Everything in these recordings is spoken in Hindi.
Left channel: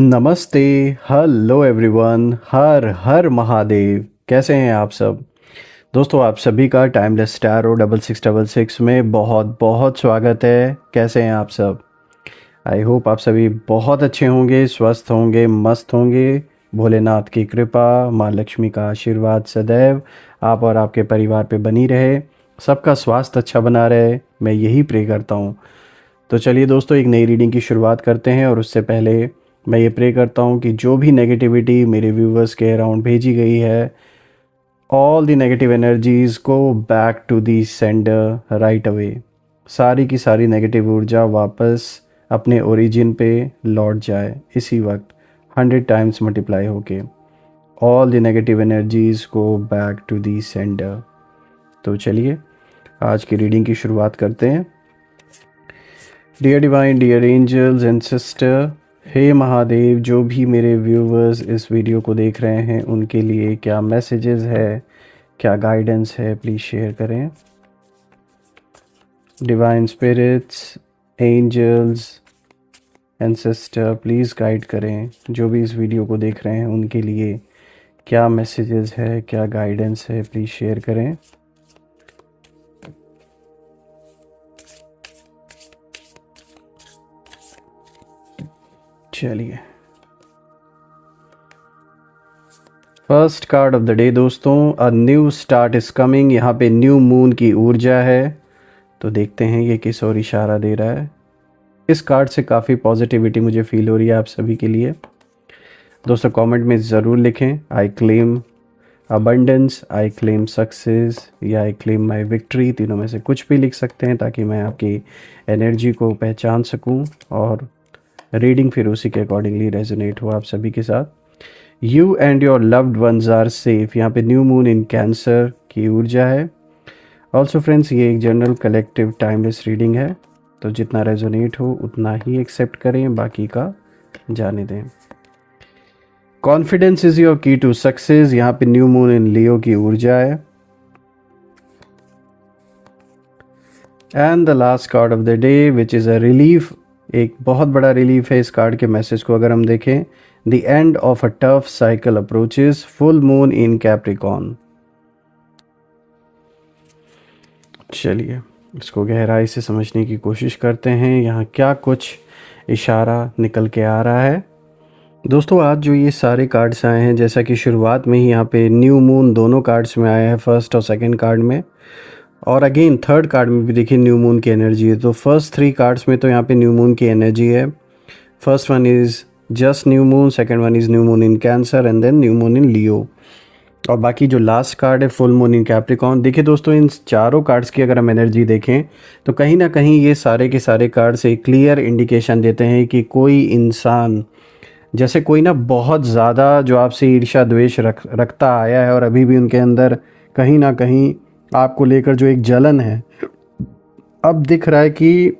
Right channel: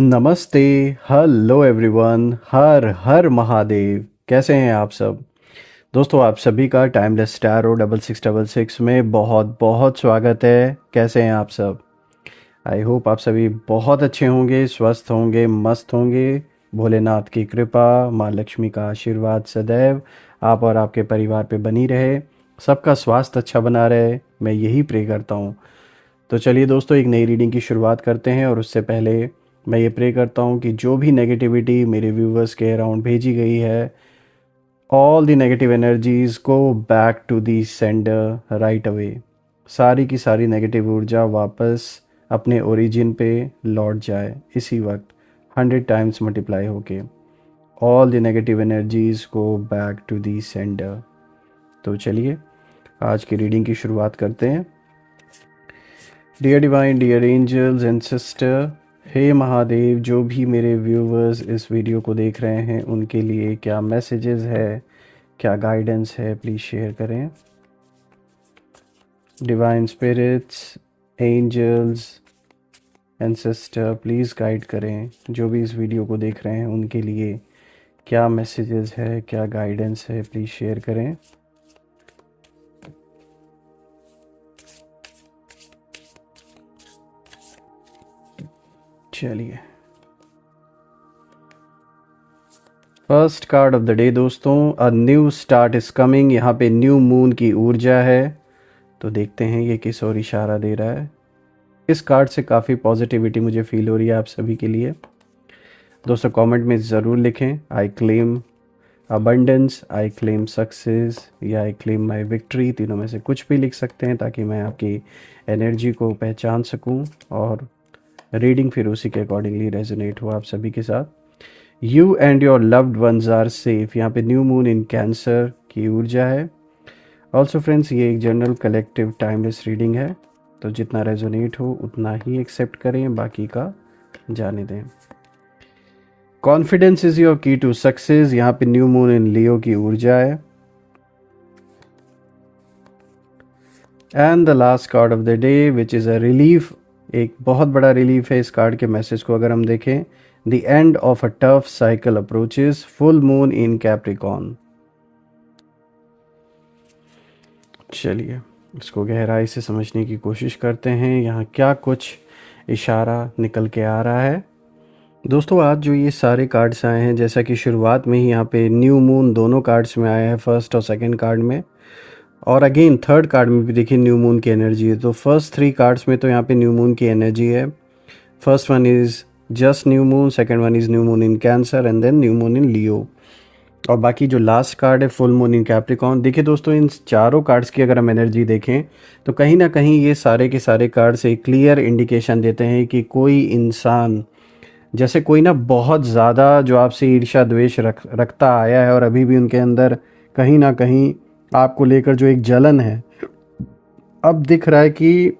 नमस्ते। Hello everyone. हर हर महादेव। कैसे हैं आप सब दोस्तों? आप सभी का टाइमलेस स्टार और 6666 में बहुत बहुत स्वागत है। कैसे हैं आप सब? आई होप आप सभी बहुत अच्छे होंगे, स्वस्थ होंगे, मस्त होंगे। भोलेनाथ की कृपा, माँ लक्ष्मी का आशीर्वाद सदैव आप और आपके परिवार पे बनी रहे। सबका स्वास्थ्य अच्छा बना रहे, मैं यही प्रे करता हूँ। तो चलिए दोस्तों, एक नई रीडिंग की शुरुआत करते हैं। और उससे पहले मैं ये प्रे करता हूँ कि जो भी नेगेटिविटी मेरे व्यूवर्स के अराउंड भेजी गई है, all the negative energies go back to the sender right away. सारी की सारी नेगेटिव ऊर्जा वापस अपने ओरिजिन पे लौट जाए इसी वक्त, 100 टाइम्स मल्टीप्लाई होके। All the negative energies go back to the sender. तो चलिए आज की रीडिंग की शुरुआत करते हैं। Dear divine, dear angels and sister, हे महादेव, जो भी मेरे व्यूवर्स इस वीडियो को देख रहे हैं उनके लिए क्या मैसेजेस है, क्या गाइडेंस है, प्लीज़ शेयर करें। Divine spirits, angels and sister, please guide करें जो भी इस वीडियो को देख रहे हैं उनके लिए क्या मैसेजेस है, क्या गाइडेंस है, प्लीज़ शेयर करें। चलिए, first card of the day दोस्तों, a new start is coming. यहाँ पे न्यू मून की ऊर्जा है, तो देखते हैं ये किस और इशारा दे रहा है। इस कार्ड से काफ़ी पॉजिटिविटी मुझे फील हो रही है आप सभी के लिए। दोस्तों कमेंट में ज़रूर लिखें, I claim abundance, I claim success या आई क्लेम माई विक्ट्री। तीनों में से कुछ भी लिख सकते हैं ताकि मैं आपकी एनर्जी को पहचान सकूं और रीडिंग फिर उसी के अकॉर्डिंगली रेजोनेट हो आप सभी के साथ। You and your loved ones are safe. यहाँ पे न्यू मून इन कैंसर की ऊर्जा है। ऑल्सो फ्रेंड्स, ये एक जनरल कलेक्टिव टाइमलेस रीडिंग है, तो जितना रेजोनेट हो उतना ही एक्सेप्ट करें, बाकी का जाने दें। कॉन्फिडेंस इज योर की टू सक्सेस। यहाँ पे न्यू मून इन लियो की ऊर्जा है। And the last card of the day which is a relief, एक बहुत बड़ा रिलीफ है इस कार्ड के मैसेज को अगर हम देखें। The end of a tough cycle approaches, full moon in Capricorn. चलिए इसको गहराई से समझने की कोशिश करते हैं, यहाँ क्या कुछ इशारा निकल के आ रहा है। दोस्तों आज जो ये सारे कार्ड्स आए हैं, जैसा कि शुरुआत में ही यहाँ पे न्यू मून दोनों कार्ड्स में आया है, फर्स्ट और सेकंड कार्ड में, और अगेन थर्ड कार्ड में भी देखिए न्यू मून की एनर्जी है। तो फर्स्ट थ्री कार्ड्स में तो यहाँ पे न्यू मून की एनर्जी है। First one is just new moon, second one is new moon in Cancer and then new moon in Leo, और बाकी जो लास्ट कार्ड है फुल मून इन कैप्रिकॉर्न। देखिए दोस्तों, इन चारों कार्ड्स की अगर हम एनर्जी देखें तो कहीं ना कहीं ये सारे के सारे कार्ड्स एक क्लियर इंडिकेशन देते हैं कि कोई इंसान, जैसे कोई ना बहुत ज़्यादा जो आपसे ईर्ष्या द्वेष रखता आया है और अभी भी उनके अंदर कहीं ना कहीं आपको लेकर जो एक जलन है, अब दिख रहा है कि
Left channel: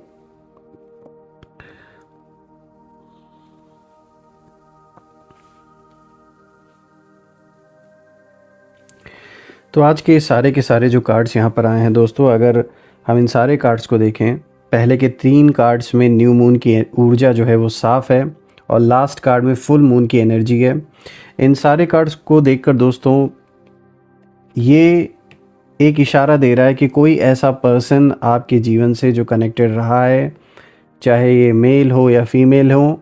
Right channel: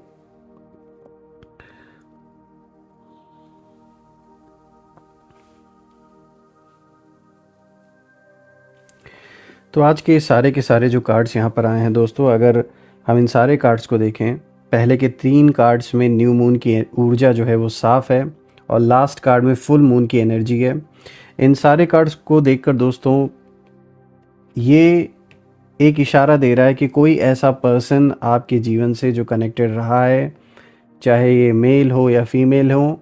तो आज के सारे जो कार्ड्स यहाँ पर आए हैं दोस्तों, अगर हम इन सारे कार्ड्स को देखें, पहले के तीन कार्ड्स में न्यू मून की ऊर्जा जो है वो साफ है और लास्ट कार्ड में फुल मून की एनर्जी है। इन सारे कार्ड्स को देखकर दोस्तों ये एक इशारा दे रहा है कि कोई ऐसा पर्सन आपके जीवन से जो कनेक्टेड रहा है, चाहे ये मेल हो या फीमेल हो,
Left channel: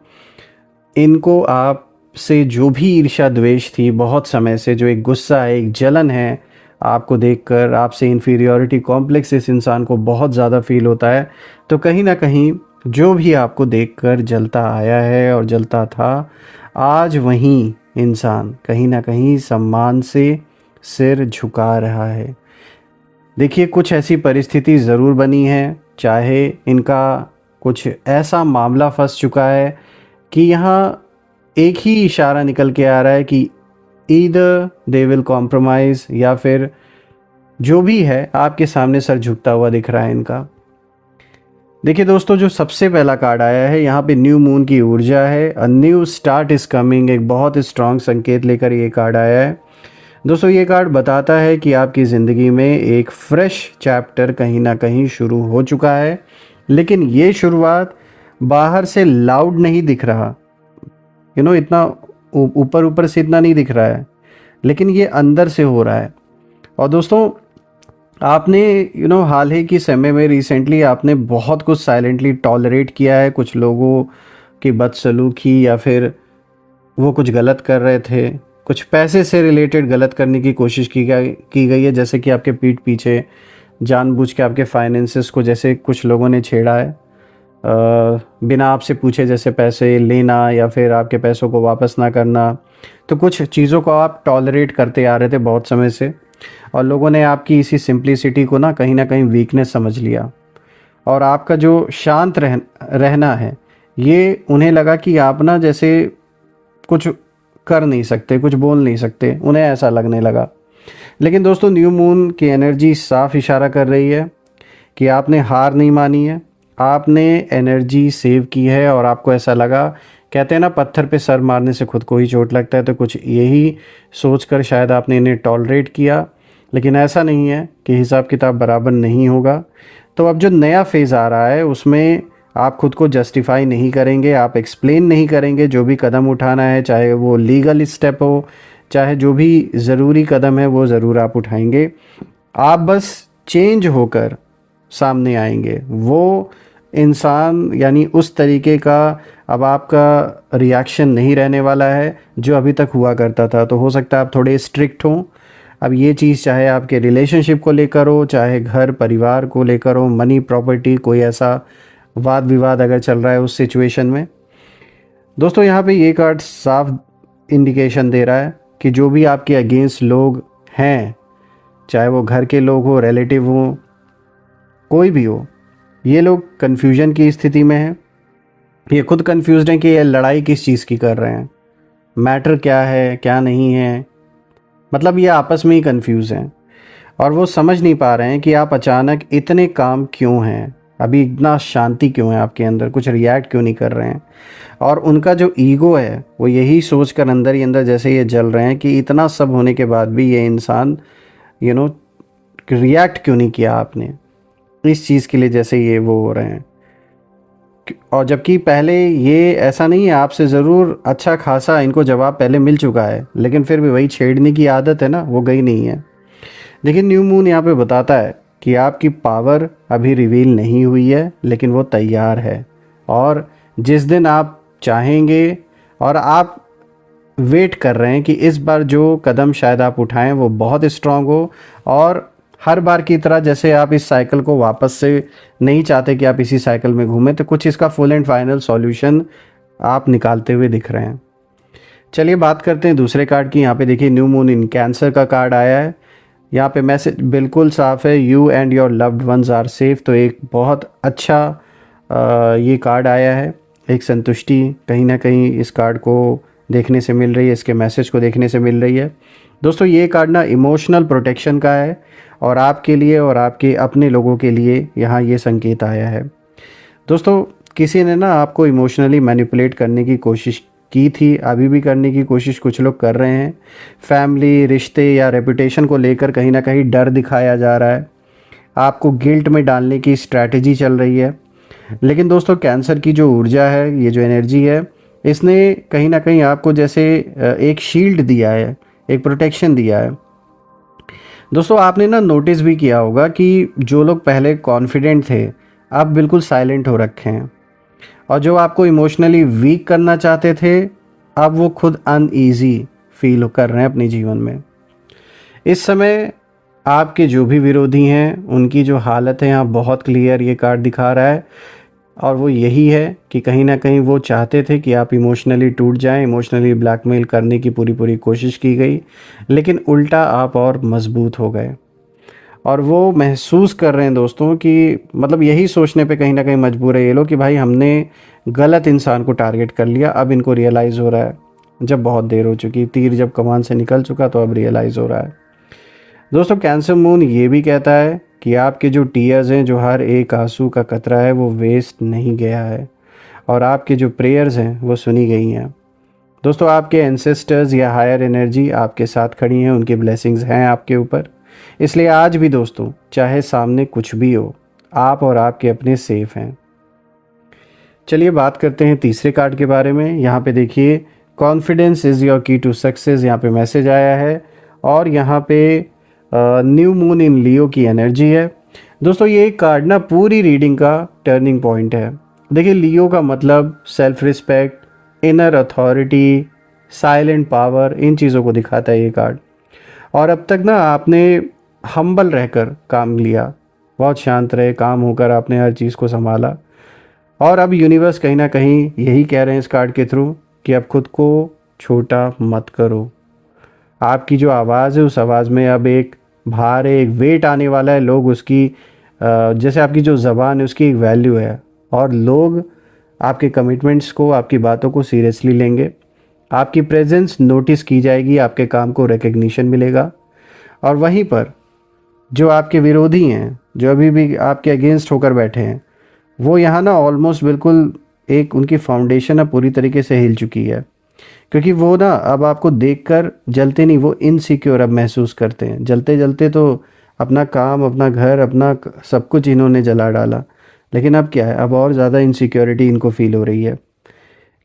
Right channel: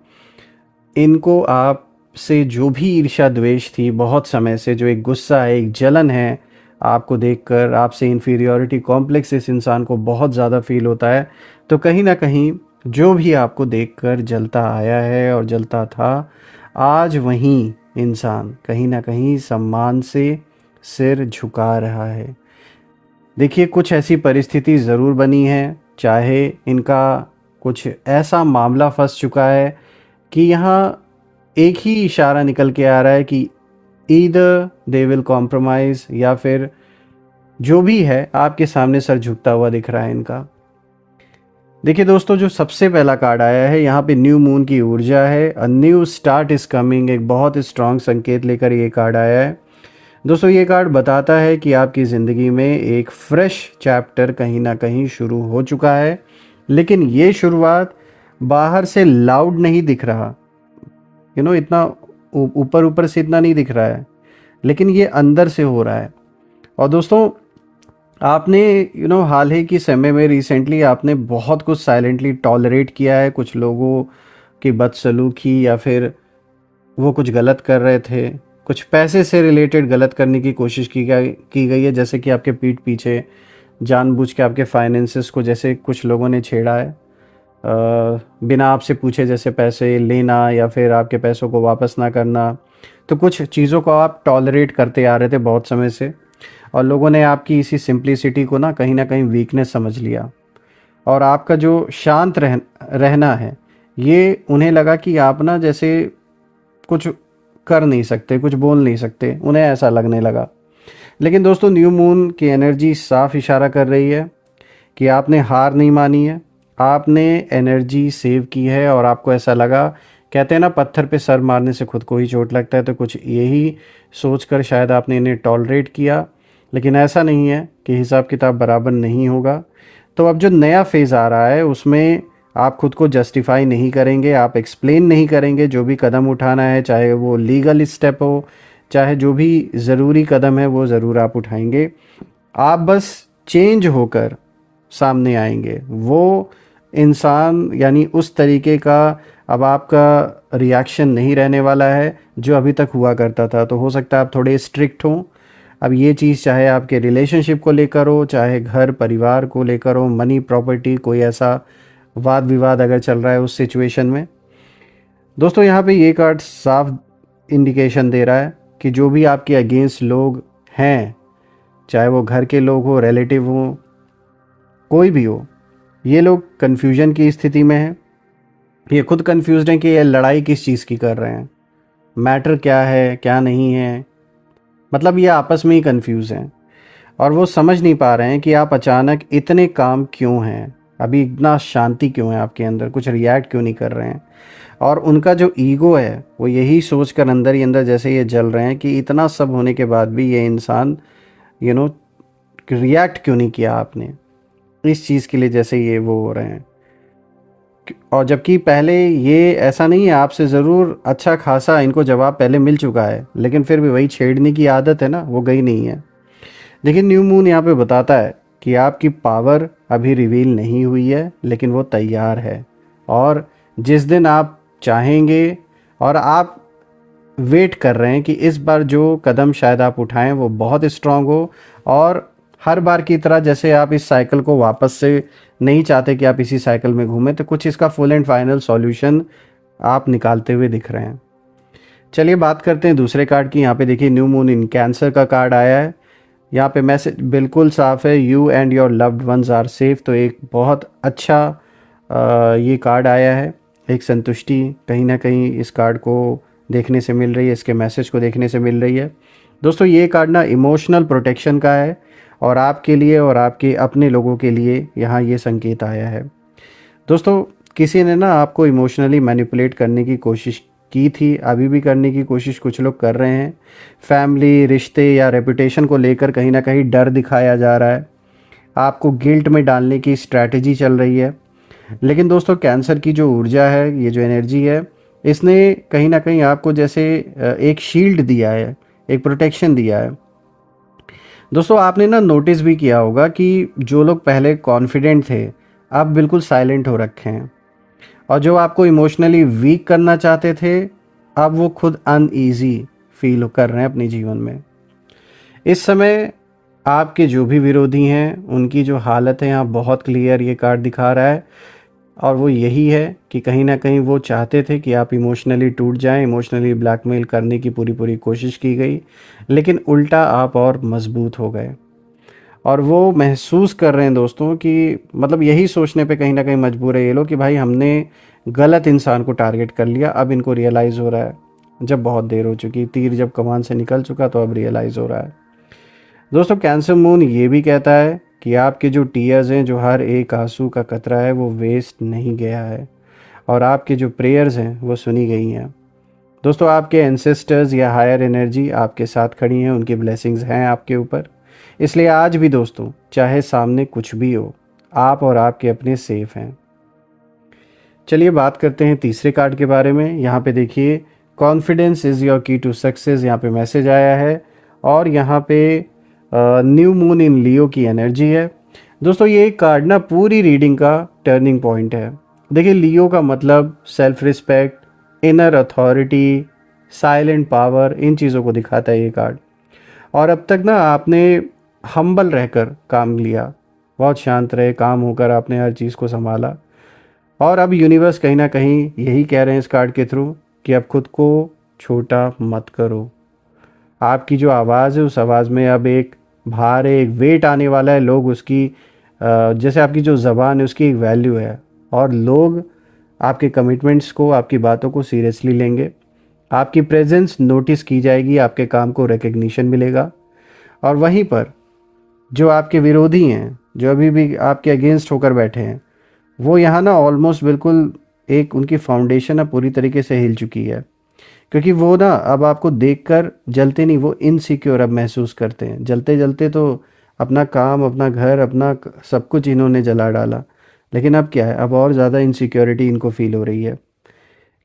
इनको आपसे जो भी ईर्ष्या द्वेष थी बहुत समय से, जो एक गुस्सा है, एक जलन है आपको देखकर, आपसे इन्फीरियोरिटी कॉम्प्लेक्स इस इंसान को बहुत ज़्यादा फील होता है। तो कहीं ना कहीं जो भी आपको देखकर जलता आया है और जलता था, आज वहीं इंसान कहीं ना कहीं सम्मान से सिर झुका रहा है। देखिए कुछ ऐसी परिस्थिति ज़रूर बनी है, चाहे इनका कुछ ऐसा मामला फंस चुका है कि यहाँ एक ही इशारा निकल के आ रहा है कि ईदर दे विल कॉम्प्रोमाइज, या फिर जो भी है आपके सामने सर झुकता हुआ दिख रहा है इनका। देखिए दोस्तों, जो सबसे पहला कार्ड आया है यहाँ पे न्यू मून की ऊर्जा है, अ न्यू स्टार्ट इज कमिंग, एक बहुत स्ट्रांग संकेत लेकर ये कार्ड आया है। दोस्तों ये कार्ड बताता है कि आपकी ज़िंदगी में एक फ्रेश चैप्टर कहीं ना कहीं शुरू हो चुका है, लेकिन ये शुरुआत बाहर से लाउड नहीं दिख रहा, इतना ऊपर ऊपर से इतना नहीं दिख रहा है, लेकिन ये अंदर से हो रहा है। और दोस्तों, आपने हाल ही के समय में रिसेंटली आपने बहुत कुछ साइलेंटली टॉलरेट किया है, कुछ लोगों की बदसलूकी, या फिर वो कुछ गलत कर रहे थे, कुछ पैसे से रिलेटेड गलत करने की कोशिश की गई है, जैसे कि आपके पीठ पीछे जानबूझ के आपके फाइनेंसेस को जैसे कुछ लोगों ने छेड़ा है, बिना आपसे पूछे जैसे पैसे लेना या फिर आपके पैसों को वापस ना करना। तो कुछ चीज़ों को आप टॉलरेट करते आ रहे थे बहुत समय से, और लोगों ने आपकी इसी सिंप्लिसिटी को ना कहीं वीकनेस समझ लिया। और आपका जो शांत रहना है, ये उन्हें लगा कि आप ना जैसे कुछ कर नहीं सकते, कुछ बोल नहीं सकते, उन्हें ऐसा लगने लगा। लेकिन दोस्तों, न्यू मून की एनर्जी साफ इशारा कर रही है कि आपने हार नहीं मानी है, आपने एनर्जी सेव की है, और आपको ऐसा लगा, कहते हैं ना पत्थर पे सर मारने से खुद को ही चोट लगता है, तो कुछ यही सोचकर शायद आपने इन्हें टॉलरेट किया। लेकिन ऐसा नहीं है कि हिसाब किताब बराबर नहीं होगा। तो अब जो नया फेज़ आ रहा है उसमें आप खुद को जस्टिफाई नहीं करेंगे, आप एक्सप्लेन नहीं करेंगे जो भी कदम उठाना है, चाहे वो लीगल स्टेप हो, चाहे जो भी ज़रूरी कदम है वो ज़रूर आप उठाएंगे। आप बस चेंज होकर सामने आएंगे, वो इंसान यानी उस तरीके का अब आपका रिएक्शन नहीं रहने वाला है जो अभी तक हुआ करता था। तो हो सकता है आप थोड़े स्ट्रिक्ट हों। अब ये चीज़ चाहे आपके रिलेशनशिप को लेकर हो, चाहे घर परिवार को लेकर हो, मनी प्रॉपर्टी, कोई ऐसा वाद विवाद अगर चल रहा है उस सिचुएशन में। दोस्तों, यहाँ पे ये कार्ड साफ इंडिकेशन दे रहा है कि जो भी आपके अगेंस्ट लोग हैं, चाहे वो घर के लोग हो, रिलेटिव हो, कोई भी हो, ये लोग कन्फ्यूजन की स्थिति में हैं। ये खुद कन्फ्यूज्ड हैं कि ये लड़ाई किस चीज़ की कर रहे हैं, मैटर क्या है क्या नहीं है, मतलब ये आपस में ही कन्फ्यूज़ हैं। और वो समझ नहीं पा रहे हैं कि आप अचानक इतने काम क्यों हैं, अभी इतना शांति क्यों है आपके अंदर, कुछ रिएक्ट क्यों नहीं कर रहे हैं। और उनका जो ईगो है वो यही सोच कर अंदर ही अंदर जैसे ये जल रहे हैं कि इतना सब होने के बाद भी ये इंसान रिएक्ट क्यों नहीं किया आपने, इस चीज़ के लिए जैसे ये वो हो रहे हैं। और जबकि पहले ये ऐसा नहीं है, आपसे ज़रूर अच्छा खासा इनको जवाब पहले मिल चुका है, लेकिन फिर भी वही छेड़ने की आदत है ना, वो गई नहीं है। लेकिन न्यू मून यहाँ पे बताता है कि आपकी पावर अभी रिवील नहीं हुई है, लेकिन वो तैयार है। और जिस दिन आप चाहेंगे, और आप वेट कर रहे हैं कि इस बार जो कदम शायद आप उठाएं वो बहुत स्ट्रांग हो, और हर बार की तरह जैसे आप इस साइकिल को वापस से नहीं चाहते कि आप इसी साइकिल में घूमें, तो कुछ इसका फुल एंड फाइनल सॉल्यूशन आप निकालते हुए दिख रहे हैं। चलिए बात करते हैं दूसरे कार्ड की। यहाँ पे देखिए न्यू मून इन कैंसर का कार्ड आया है। यहाँ पे मैसेज बिल्कुल साफ है, you and your loved ones are safe. तो एक बहुत अच्छा ये कार्ड आया है, एक संतुष्टि कहीं ना कहीं इस कार्ड को देखने से मिल रही है, इसके मैसेज को देखने से मिल रही है। दोस्तों, ये कार्ड ना इमोशनल प्रोटेक्शन का है, और आपके लिए और आपके अपने लोगों के लिए यहाँ ये संकेत आया है। दोस्तों, किसी ने ना आपको इमोशनली मैनिपुलेट करने की कोशिश की थी, अभी भी करने की कोशिश कुछ लोग कर रहे हैं। फैमिली, रिश्ते या रेपुटेशन को लेकर कहीं ना कहीं डर दिखाया जा रहा है, आपको गिल्ट में डालने की स्ट्रैटेजी चल रही है। लेकिन दोस्तों, कैंसर की जो ऊर्जा है, ये जो एनर्जी है, इसने कहीं ना कहीं आपको जैसे एक शील्ड दिया है, एक प्रोटेक्शन दिया है। दोस्तों, आपने ना नोटिस भी किया होगा कि जो लोग पहले कॉन्फिडेंट थे अब बिल्कुल साइलेंट हो रखे हैं, और जो आपको इमोशनली वीक करना चाहते थे अब वो खुद अनईजी फील कर रहे हैं अपने जीवन में। इस समय आपके जो भी विरोधी हैं उनकी जो हालत है यहाँ बहुत क्लियर ये कार्ड दिखा रहा है, और वो यही है कि कहीं ना कहीं वो चाहते थे कि आप इमोशनली टूट जाएं, इमोशनली ब्लैकमेल करने की पूरी कोशिश की गई, लेकिन उल्टा आप और मजबूत हो गए। और वो महसूस कर रहे हैं दोस्तों कि मतलब यही सोचने पे कहीं ना कहीं मजबूर है ये लोग कि भाई हमने गलत इंसान को टारगेट कर लिया। अब इनको रियलाइज़ हो रहा है, जब बहुत देर हो चुकी, तीर जब कमान से निकल चुका तो अब रियलाइज़ हो रहा है। दोस्तों, कैंसर मून ये भी कहता है कि आपके जो टीयर्स हैं, जो हर एक आंसू का कतरा है वो वेस्ट नहीं गया है, और आपके जो प्रेयर्स हैं वो सुनी गई हैं। दोस्तों, आपके एंसेस्टर्स या हायर एनर्जी आपके साथ खड़ी हैं, उनकी ब्लेसिंग्स हैं आपके ऊपर। इसलिए आज भी दोस्तों, चाहे सामने कुछ भी हो, आप और आपके अपने सेफ हैं। चलिए बात करते हैं तीसरे कार्ड के बारे में। यहाँ पे देखिए कॉन्फिडेंस इज़ योर की टू सक्सेस यहाँ पे मैसेज आया है। और यहाँ पे न्यू मून इन लियो की एनर्जी है। दोस्तों ये कार्ड ना पूरी रीडिंग का टर्निंग पॉइंट है। देखिए लियो का मतलब self respect, inner authority, silent power, इन चीज़ों को दिखाता है ये कार्ड। और अब तक ना आपने हम्बल रहकर काम लिया, बहुत शांत रहे, काम होकर आपने हर चीज़ को संभाला। और अब यूनिवर्स कहीं ना कहीं यही कह रहे हैं इस कार्ड के थ्रू कि अब खुद को छोटा मत करो। आपकी जो आवाज़ है उस आवाज़ में अब एक भार है, एक वेट आने वाला है। लोग उसकी जैसे आपकी जो ज़बान है उसकी एक वैल्यू है, और लोग आपके कमिटमेंट्स को, आपकी बातों को सीरियसली लेंगे। आपकी प्रेजेंस नोटिस की जाएगी, आपके काम को रिकग्निशन मिलेगा। और वहीं पर जो आपके विरोधी हैं, जो अभी भी आपके अगेंस्ट होकर बैठे हैं, वो यहाँ ना ऑलमोस्ट बिल्कुल एक उनकी फाउंडेशन अब पूरी तरीके से हिल चुकी है। क्योंकि वो ना अब आपको देखकर जलते नहीं, वो इनसिक्योर अब महसूस करते हैं। जलते जलते तो अपना काम, अपना घर, अपना सब कुछ इन्होंने जला डाला, लेकिन अब क्या है, अब और ज़्यादा इनसिक्योरिटी इनको फील हो रही है।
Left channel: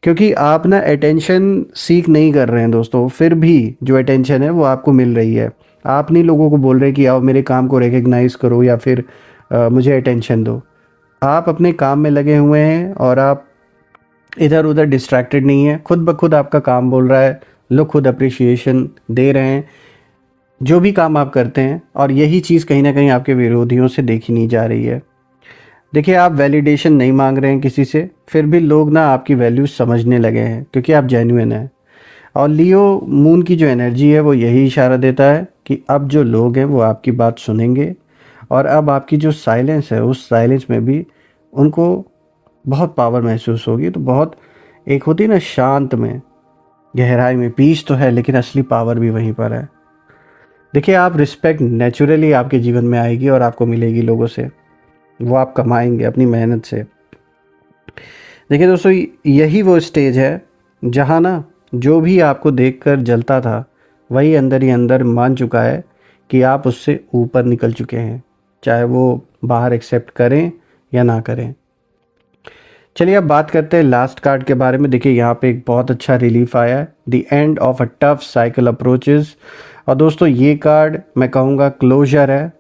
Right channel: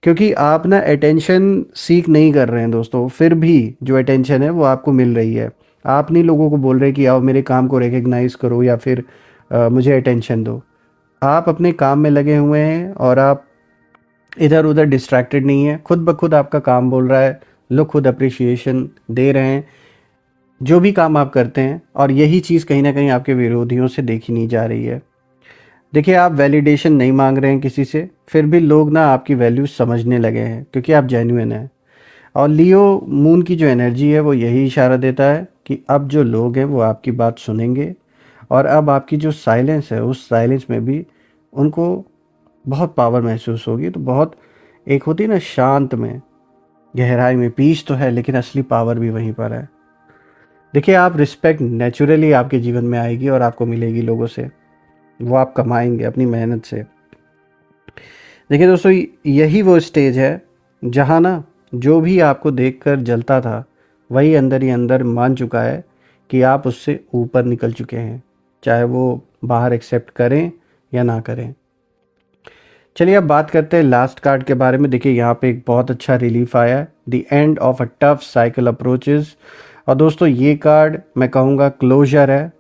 क्योंकि आप ना अटेंशन सीख नहीं कर रहे हैं दोस्तों, फिर भी जो अटेंशन है वो आपको मिल रही है। आप नहीं लोगों को बोल रहे कि आओ मेरे काम को रिकग्नाइज करो या फिर मुझे अटेंशन दो। आप अपने काम में लगे हुए हैं और आप इधर उधर डिस्ट्रैक्टेड नहीं है। खुद ब खुद आपका काम बोल रहा है, लोग खुद अप्रिशिएशन दे रहे हैं जो भी काम आप करते हैं। और यही चीज़ कहीं ना कहीं आपके विरोधियों से देखी नहीं जा रही है। देखिए आप वैलिडेशन नहीं मांग रहे हैं किसी से, फिर भी लोग ना आपकी वैल्यू समझने लगे हैं क्योंकि आप जेन्युइन हैं। और लियो मून की जो एनर्जी है वो यही इशारा देता है कि अब जो लोग हैं वो आपकी बात सुनेंगे, और अब आपकी जो साइलेंस है उस साइलेंस में भी उनको बहुत पावर महसूस होगी। तो बहुत एक होती है ना शांत में, गहराई में पीस तो है, लेकिन असली पावर भी वहीं पर है। देखिए आप रिस्पेक्ट नेचुरली आपके जीवन में आएगी और आपको मिलेगी लोगों से, वो आप कमाएंगे अपनी मेहनत से। देखिए दोस्तों यही वो स्टेज है जहाँ ना जो भी आपको देखकर जलता था वही अंदर ही अंदर मान चुका है कि आप उससे ऊपर निकल चुके हैं, चाहे वो बाहर एक्सेप्ट करें या ना करें। चलिए अब बात करते हैं लास्ट कार्ड के बारे में। देखिए यहाँ पे एक बहुत अच्छा रिलीफ आया है, the end of a tough cycle approaches. और दोस्तों ये कार्ड मैं कहूँगा क्लोजर है,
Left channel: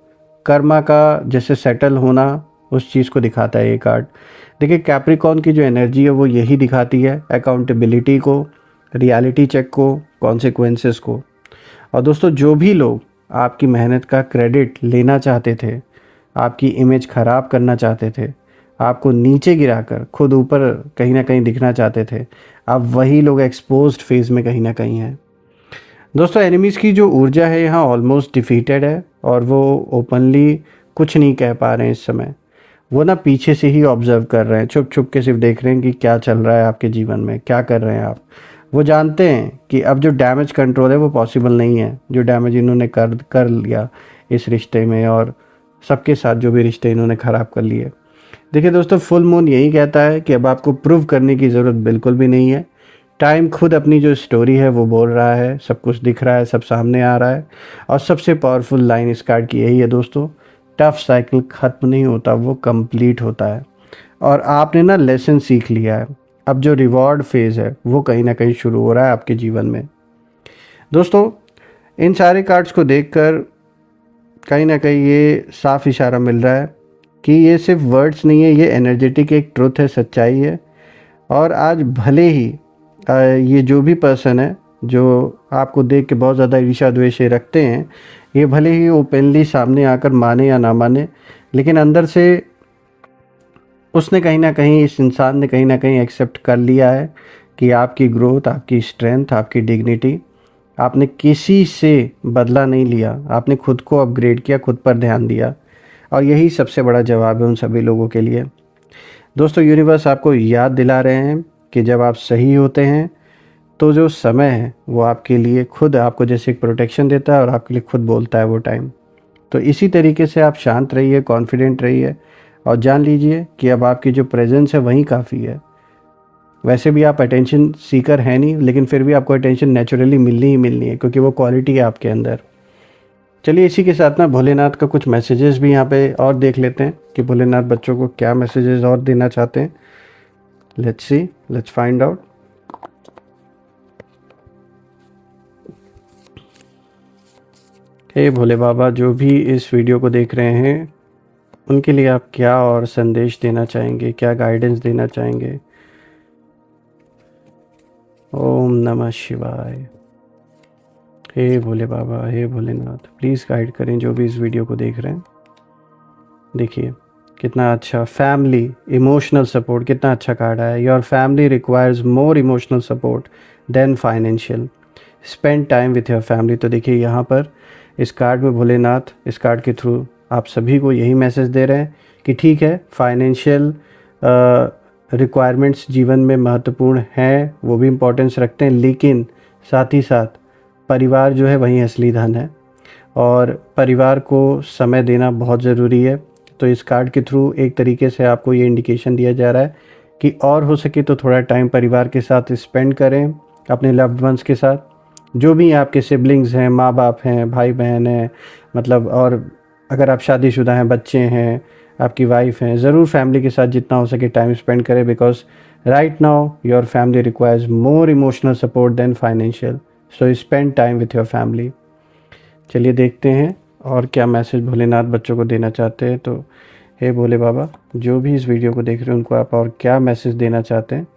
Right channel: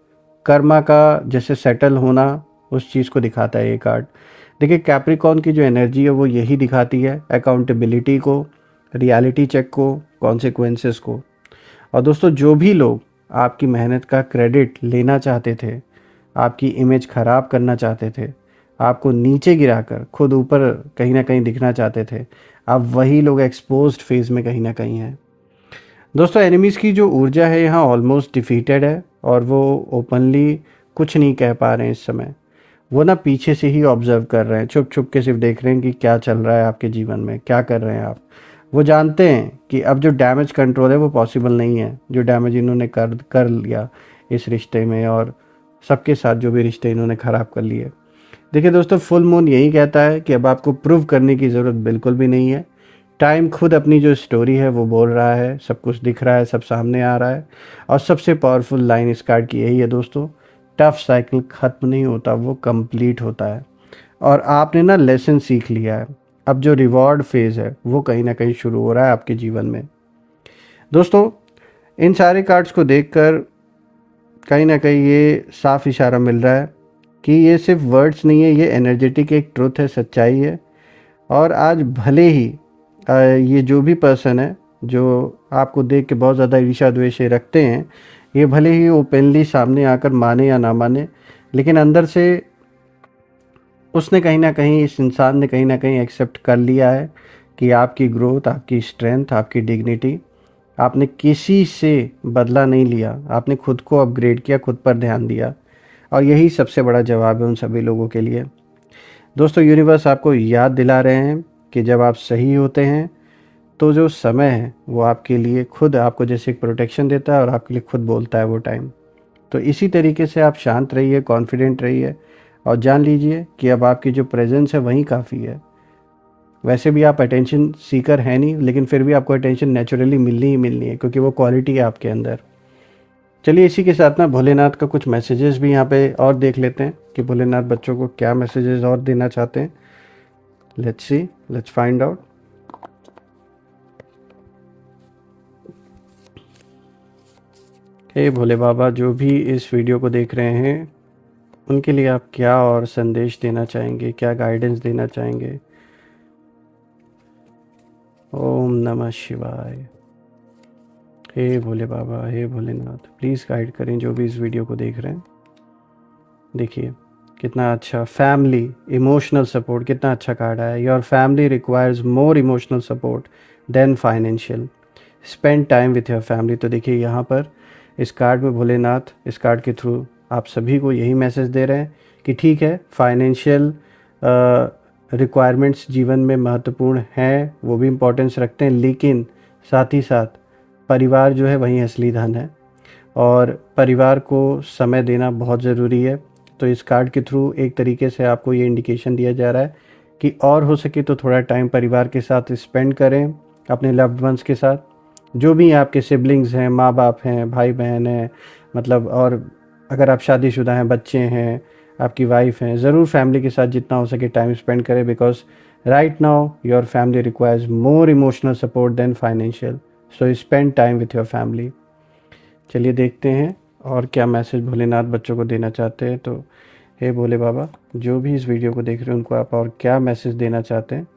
कर्मा का जैसे सेटल होना, उस चीज़ को दिखाता है ये कार्ड। देखिए कैप्रिकॉर्न की जो एनर्जी है वो यही दिखाती है, अकाउंटेबिलिटी को, रियलिटी चेक को, कॉन्सिक्वेंसेस को। और दोस्तों जो भी लोग आपकी मेहनत का क्रेडिट लेना चाहते थे, आपकी इमेज ख़राब करना चाहते थे, आपको नीचे गिराकर खुद ऊपर कहीं ना कहीं दिखना चाहते थे, अब वही लोग एक्सपोज्ड फेज में कहीं ना कहीं हैं। दोस्तों एनिमीज़ की जो ऊर्जा है यहाँ ऑलमोस्ट डिफीटेड है, और वो ओपनली कुछ नहीं कह पा रहे हैं इस समय। वो ना पीछे से ही ऑब्जर्व कर रहे हैं, छुप छुप के सिर्फ देख रहे हैं कि क्या चल रहा है आपके जीवन में, क्या कर रहे हैं आप। वो जानते हैं कि अब जो डैमेज कंट्रोल है वो पॉसिबल नहीं है, जो डैमेज इन्होंने कर लिया इस रिश्ते में, और सबके साथ जो भी रिश्ते इन्होंने ख़राब कर लिए। देखिए दोस्तों फुल मून यही कहता है कि अब आपको प्रूव करने की ज़रूरत बिल्कुल भी नहीं है। टाइम खुद अपनी जो स्टोरी है वो बोल रहा है, सब कुछ दिख रहा है, सब सामने आ रहा है। और सबसे पावरफुल लाइन इस कार्ड की यही है दोस्तों, टफ साइकिल ख़त्म नहीं होता, वो कंप्लीट होता है। और आपने ना लेसन सीख लिया है, अब जो रिवॉर्ड फेज़ है वो कहीं ना कहीं शुरू हो रहा है आपके जीवन में। दोस्तों इन सारे कार्ड्स को देखकर कहीं ना कहीं ये साफ इशारा मिल रहा है कि ये सिर्फ वर्ड्स नहीं है, ये एनर्जेटिक एक ट्रुथ है, सच्चाई है। और आज भले ही ये जो भी पर्सन है जो आपको देख के बहुत ज़्यादा ईर्ष्या द्वेष रखते हैं, ये भले ही ओपनली सामने आकर माने या ना माने, लेकिन अंदर से उसने कहीं ना कहीं, इस इंसान ने कहीं ना कहीं एक्सेप्ट कर लिया है कि आपकी ग्रोथ, आपकी स्ट्रेंथ, आपकी डिग्निटी, आपने किसी से बदला नहीं लिया, आपने खुद को अपग्रेड किया, खुद पर ध्यान दिया। और यही सबसे बड़ा जवाब है उन सभी लोगों के लिए। दोस्तों यूनिवर्स आपको याद दिला रहे हैं कि जब आप सही होते हैं तो जो समय है वो आपके लिए खुद आपको जैसे एक प्रोटेक्शन देता है और आपके लिए खुद बोलता है वो टाइम। तो इसी तरीके से आप शांत रहिए, कॉन्फिडेंट रहिए, और जान लीजिए कि अब आपकी जो प्रेजेंस है वही काफ़ी है। वैसे भी आप अटेंशन सीकर है नहीं, लेकिन फिर भी आपको अटेंशन नेचुरली मिलनी ही मिलनी है, क्योंकि वो क्वालिटी है आपके अंदर। चलिए इसी के साथ ना भोलेनाथ का कुछ मैसेजेस भी यहाँ पे और देख लेते हैं कि भोलेनाथ बच्चों को क्या मैसेजेस और देना चाहते हैं। Let's see, let's find out. हे भोले बाबा, जो भी इस वीडियो को देख रहे हैं उनके लिए आप क्या और संदेश देना चाहेंगे, क्या गाइडेंस देना चाहेंगे? ओम नमः शिवाय। हे भोले बाबा, हे भोलेनाथ, प्लीज़ गाइड करें जो भी इस वीडियो को देख रहे हैं। देखिए कितना अच्छा फैमिली इमोशनल सपोर्ट, कितना अच्छा कार्ड आया। Your family requires more emotional support than financial, spend time with your family. तो देखिए यहाँ पर इस कार्ड में भोलेनाथ इस कार्ड के थ्रू आप सभी को यही मैसेज दे रहे हैं कि ठीक है, फाइनेंशियल रिक्वायरमेंट्स जीवन में महत्वपूर्ण है, वो भी इम्पोर्टेंस रखते हैं, लेकिन साथ ही साथ परिवार जो है वही असली धन है और परिवार को समय देना बहुत ज़रूरी है। तो इस कार्ड के थ्रू एक तरीके से आपको ये इंडिकेशन दिया जा रहा है कि और हो सके तो थोड़ा टाइम परिवार के साथ स्पेंड करें, अपने लव्ड वंस के साथ, जो भी आपके सिबलिंग्स हैं, माँ बाप हैं, भाई बहन हैं, मतलब, और अगर आप शादीशुदा हैं, बच्चे हैं, आपकी वाइफ हैं, ज़रूर फैमिली के साथ जितना हो सके टाइम स्पेंड करें, because right now your family requires more emotional support than financial, so spend time with your family. चलिए देखते हैं और क्या मैसेज भोलेनाथ बच्चों को देना चाहते हैं। तो हे भोले बाबा, जो भी इस वीडियो को देख रहे हैं उनको आप और क्या मैसेज देना चाहते हैं?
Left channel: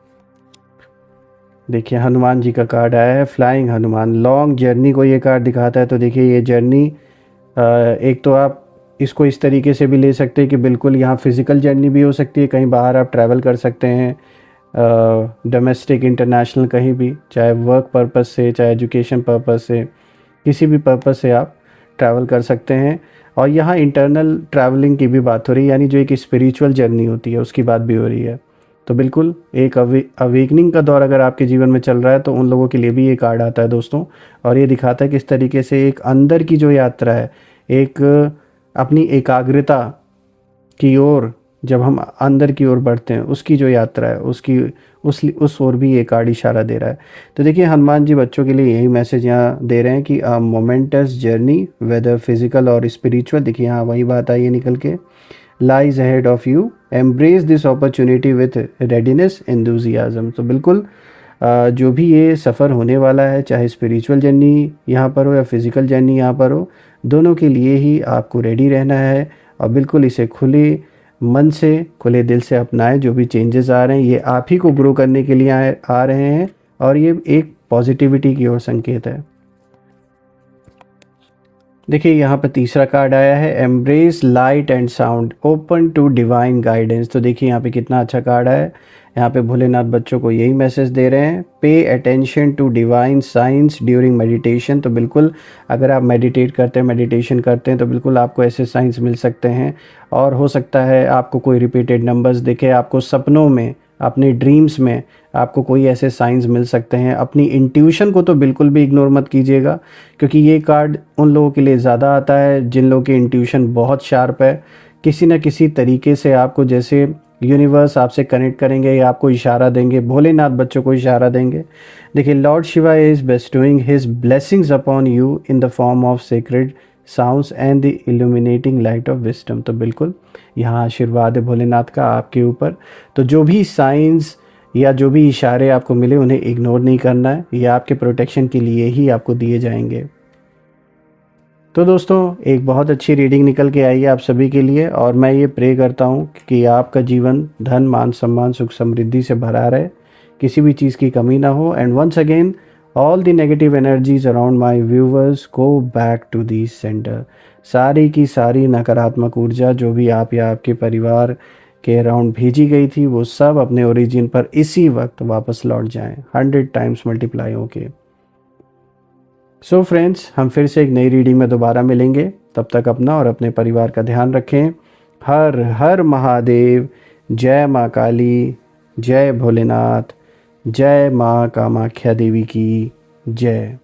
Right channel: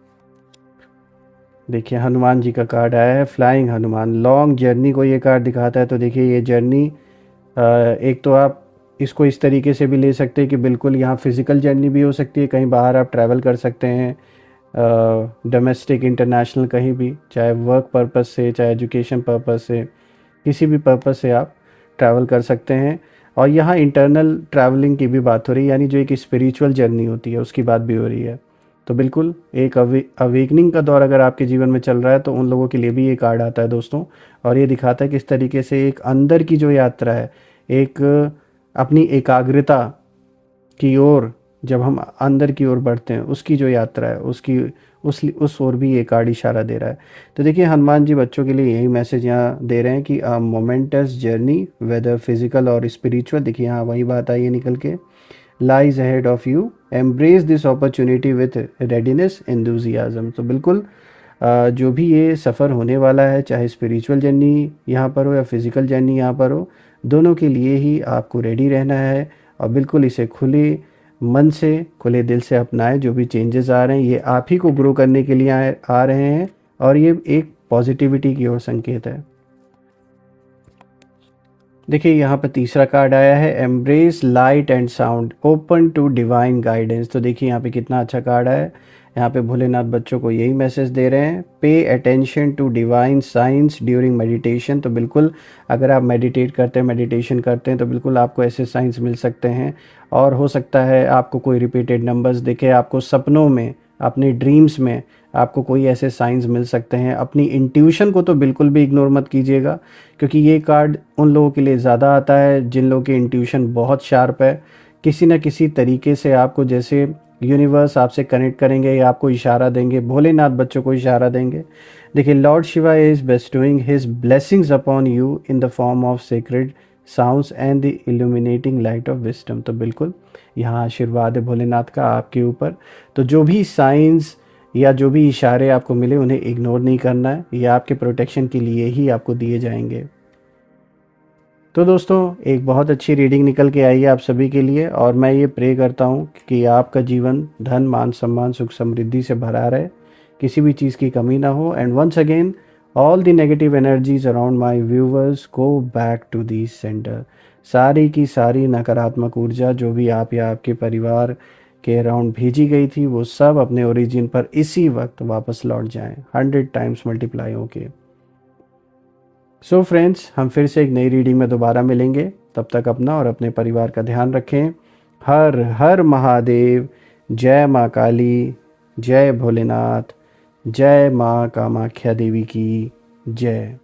देखिए हनुमान जी का कार्ड आया है, फ्लाइंग हनुमान। लॉन्ग जर्नी को ये कार्ड दिखाता है। तो देखिए ये जर्नी, एक तो आप इसको इस तरीके से भी ले सकते हैं कि बिल्कुल यहाँ फिज़िकल जर्नी भी हो सकती है, कहीं बाहर आप ट्रैवल कर सकते हैं, डोमेस्टिक इंटरनेशनल कहीं भी, चाहे वर्क पर्पस से, चाहे एजुकेशन पर्पस से, किसी भी पर्पस से आप ट्रैवल कर सकते हैं। और यहाँ इंटरनल ट्रैवलिंग की भी बात हो रही है, यानी जो एक स्पिरिचुअल जर्नी होती है उसकी बात भी हो रही है। तो बिल्कुल एक अवेकनिंग का दौर अगर आपके जीवन में चल रहा है तो उन लोगों के लिए भी ये कार्ड आता है दोस्तों, और ये दिखाता है किस तरीके से एक अंदर की जो यात्रा है, एक अपनी एकाग्रता की ओर, जब हम अंदर की ओर बढ़ते हैं उसकी जो यात्रा है उसकी उस ओर भी ये कार्ड इशारा दे रहा है। तो देखिए हनुमान जी बच्चों के लिए यही मैसेज यहाँ दे रहे हैं कि अ मोमेंटस जर्नी वेदर फिजिकल और स्पिरिचुअल, देखिए यहाँ वही बात आई है निकल के, lies ahead of you, embrace this opportunity with readiness enthusiasm. तो बिल्कुल जो भी ये सफ़र होने वाला है, चाहे स्पिरिचुअल जर्नी यहाँ पर हो या फिज़िकल जर्नी यहाँ पर हो, दोनों के लिए ही आपको रेडी रहना है और बिल्कुल इसे खुले मन से, खुले दिल से अपनाएं। जो भी चेंजेस आ रहे हैं ये आप ही को ग्रो करने के लिए आ रहे हैं और ये एक पॉजिटिविटी की ओर संकेत है। देखिए यहाँ पर तीसरा कार्ड आया है, embrace light and sound, open to divine guidance. तो देखिए यहाँ पे कितना अच्छा कार्ड है। यहाँ पे भोलेनाथ बच्चों को यही मैसेज दे रहे हैं, pay attention to divine science during meditation. तो बिल्कुल अगर आप मेडिटेट करते हैं, मेडिटेशन करते हैं, तो बिल्कुल आपको ऐसे साइंस मिल सकते हैं और हो सकता है आपको कोई रिपीटेड नंबर्स दिखे, आपको सपनों में, अपने ड्रीम्स में आपको कोई ऐसे साइंस मिल सकते हैं। अपनी इंट्यूशन को तो बिल्कुल भी इग्नोर मत कीजिएगा, क्योंकि ये कार्ड उन लोगों के लिए ज़्यादा आता है जिन लोगों की इंट्यूशन बहुत शार्प है। किसी न किसी तरीके से आपको, जैसे यूनिवर्स आपसे कनेक्ट करेंगे या आपको इशारा देंगे, भोलेनाथ बच्चों को इशारा देंगे। देखिए lord Shiva is bestowing his blessings upon you in the form of sacred sounds and the illuminating light of wisdom. तो बिल्कुल यहाँ आशीर्वाद है भोलेनाथ का आपके ऊपर। तो जो भी साइंस या जो भी इशारे आपको मिले उन्हें इग्नोर नहीं करना है, ये आपके प्रोटेक्शन के लिए ही आपको दिए जाएंगे। तो दोस्तों एक बहुत अच्छी रीडिंग निकल के आई है आप सभी के लिए, और मैं ये प्रे करता हूँ कि आपका जीवन धन, मान, सम्मान, सुख, समृद्धि से भरा रहे, किसी भी चीज़ की कमी ना हो। And once again all the negative energies around my viewers go back to the centre. सारी की सारी नकारात्मक ऊर्जा जो भी आप या आपके परिवार के अराउंड भेजी गई थी वो सब अपने ओरिजिन पर इसी वक्त वापस लौट जाएं, 100 टाइम्स मल्टीप्लाई होके। सो फ्रेंड्स, हम फिर से एक नई रीडिंग में दोबारा मिलेंगे। तब तक अपना और अपने परिवार का ध्यान रखें। हर हर महादेव। जय माँ काली, जय भोलेनाथ, जय माँ कामाख्या देवी की जय।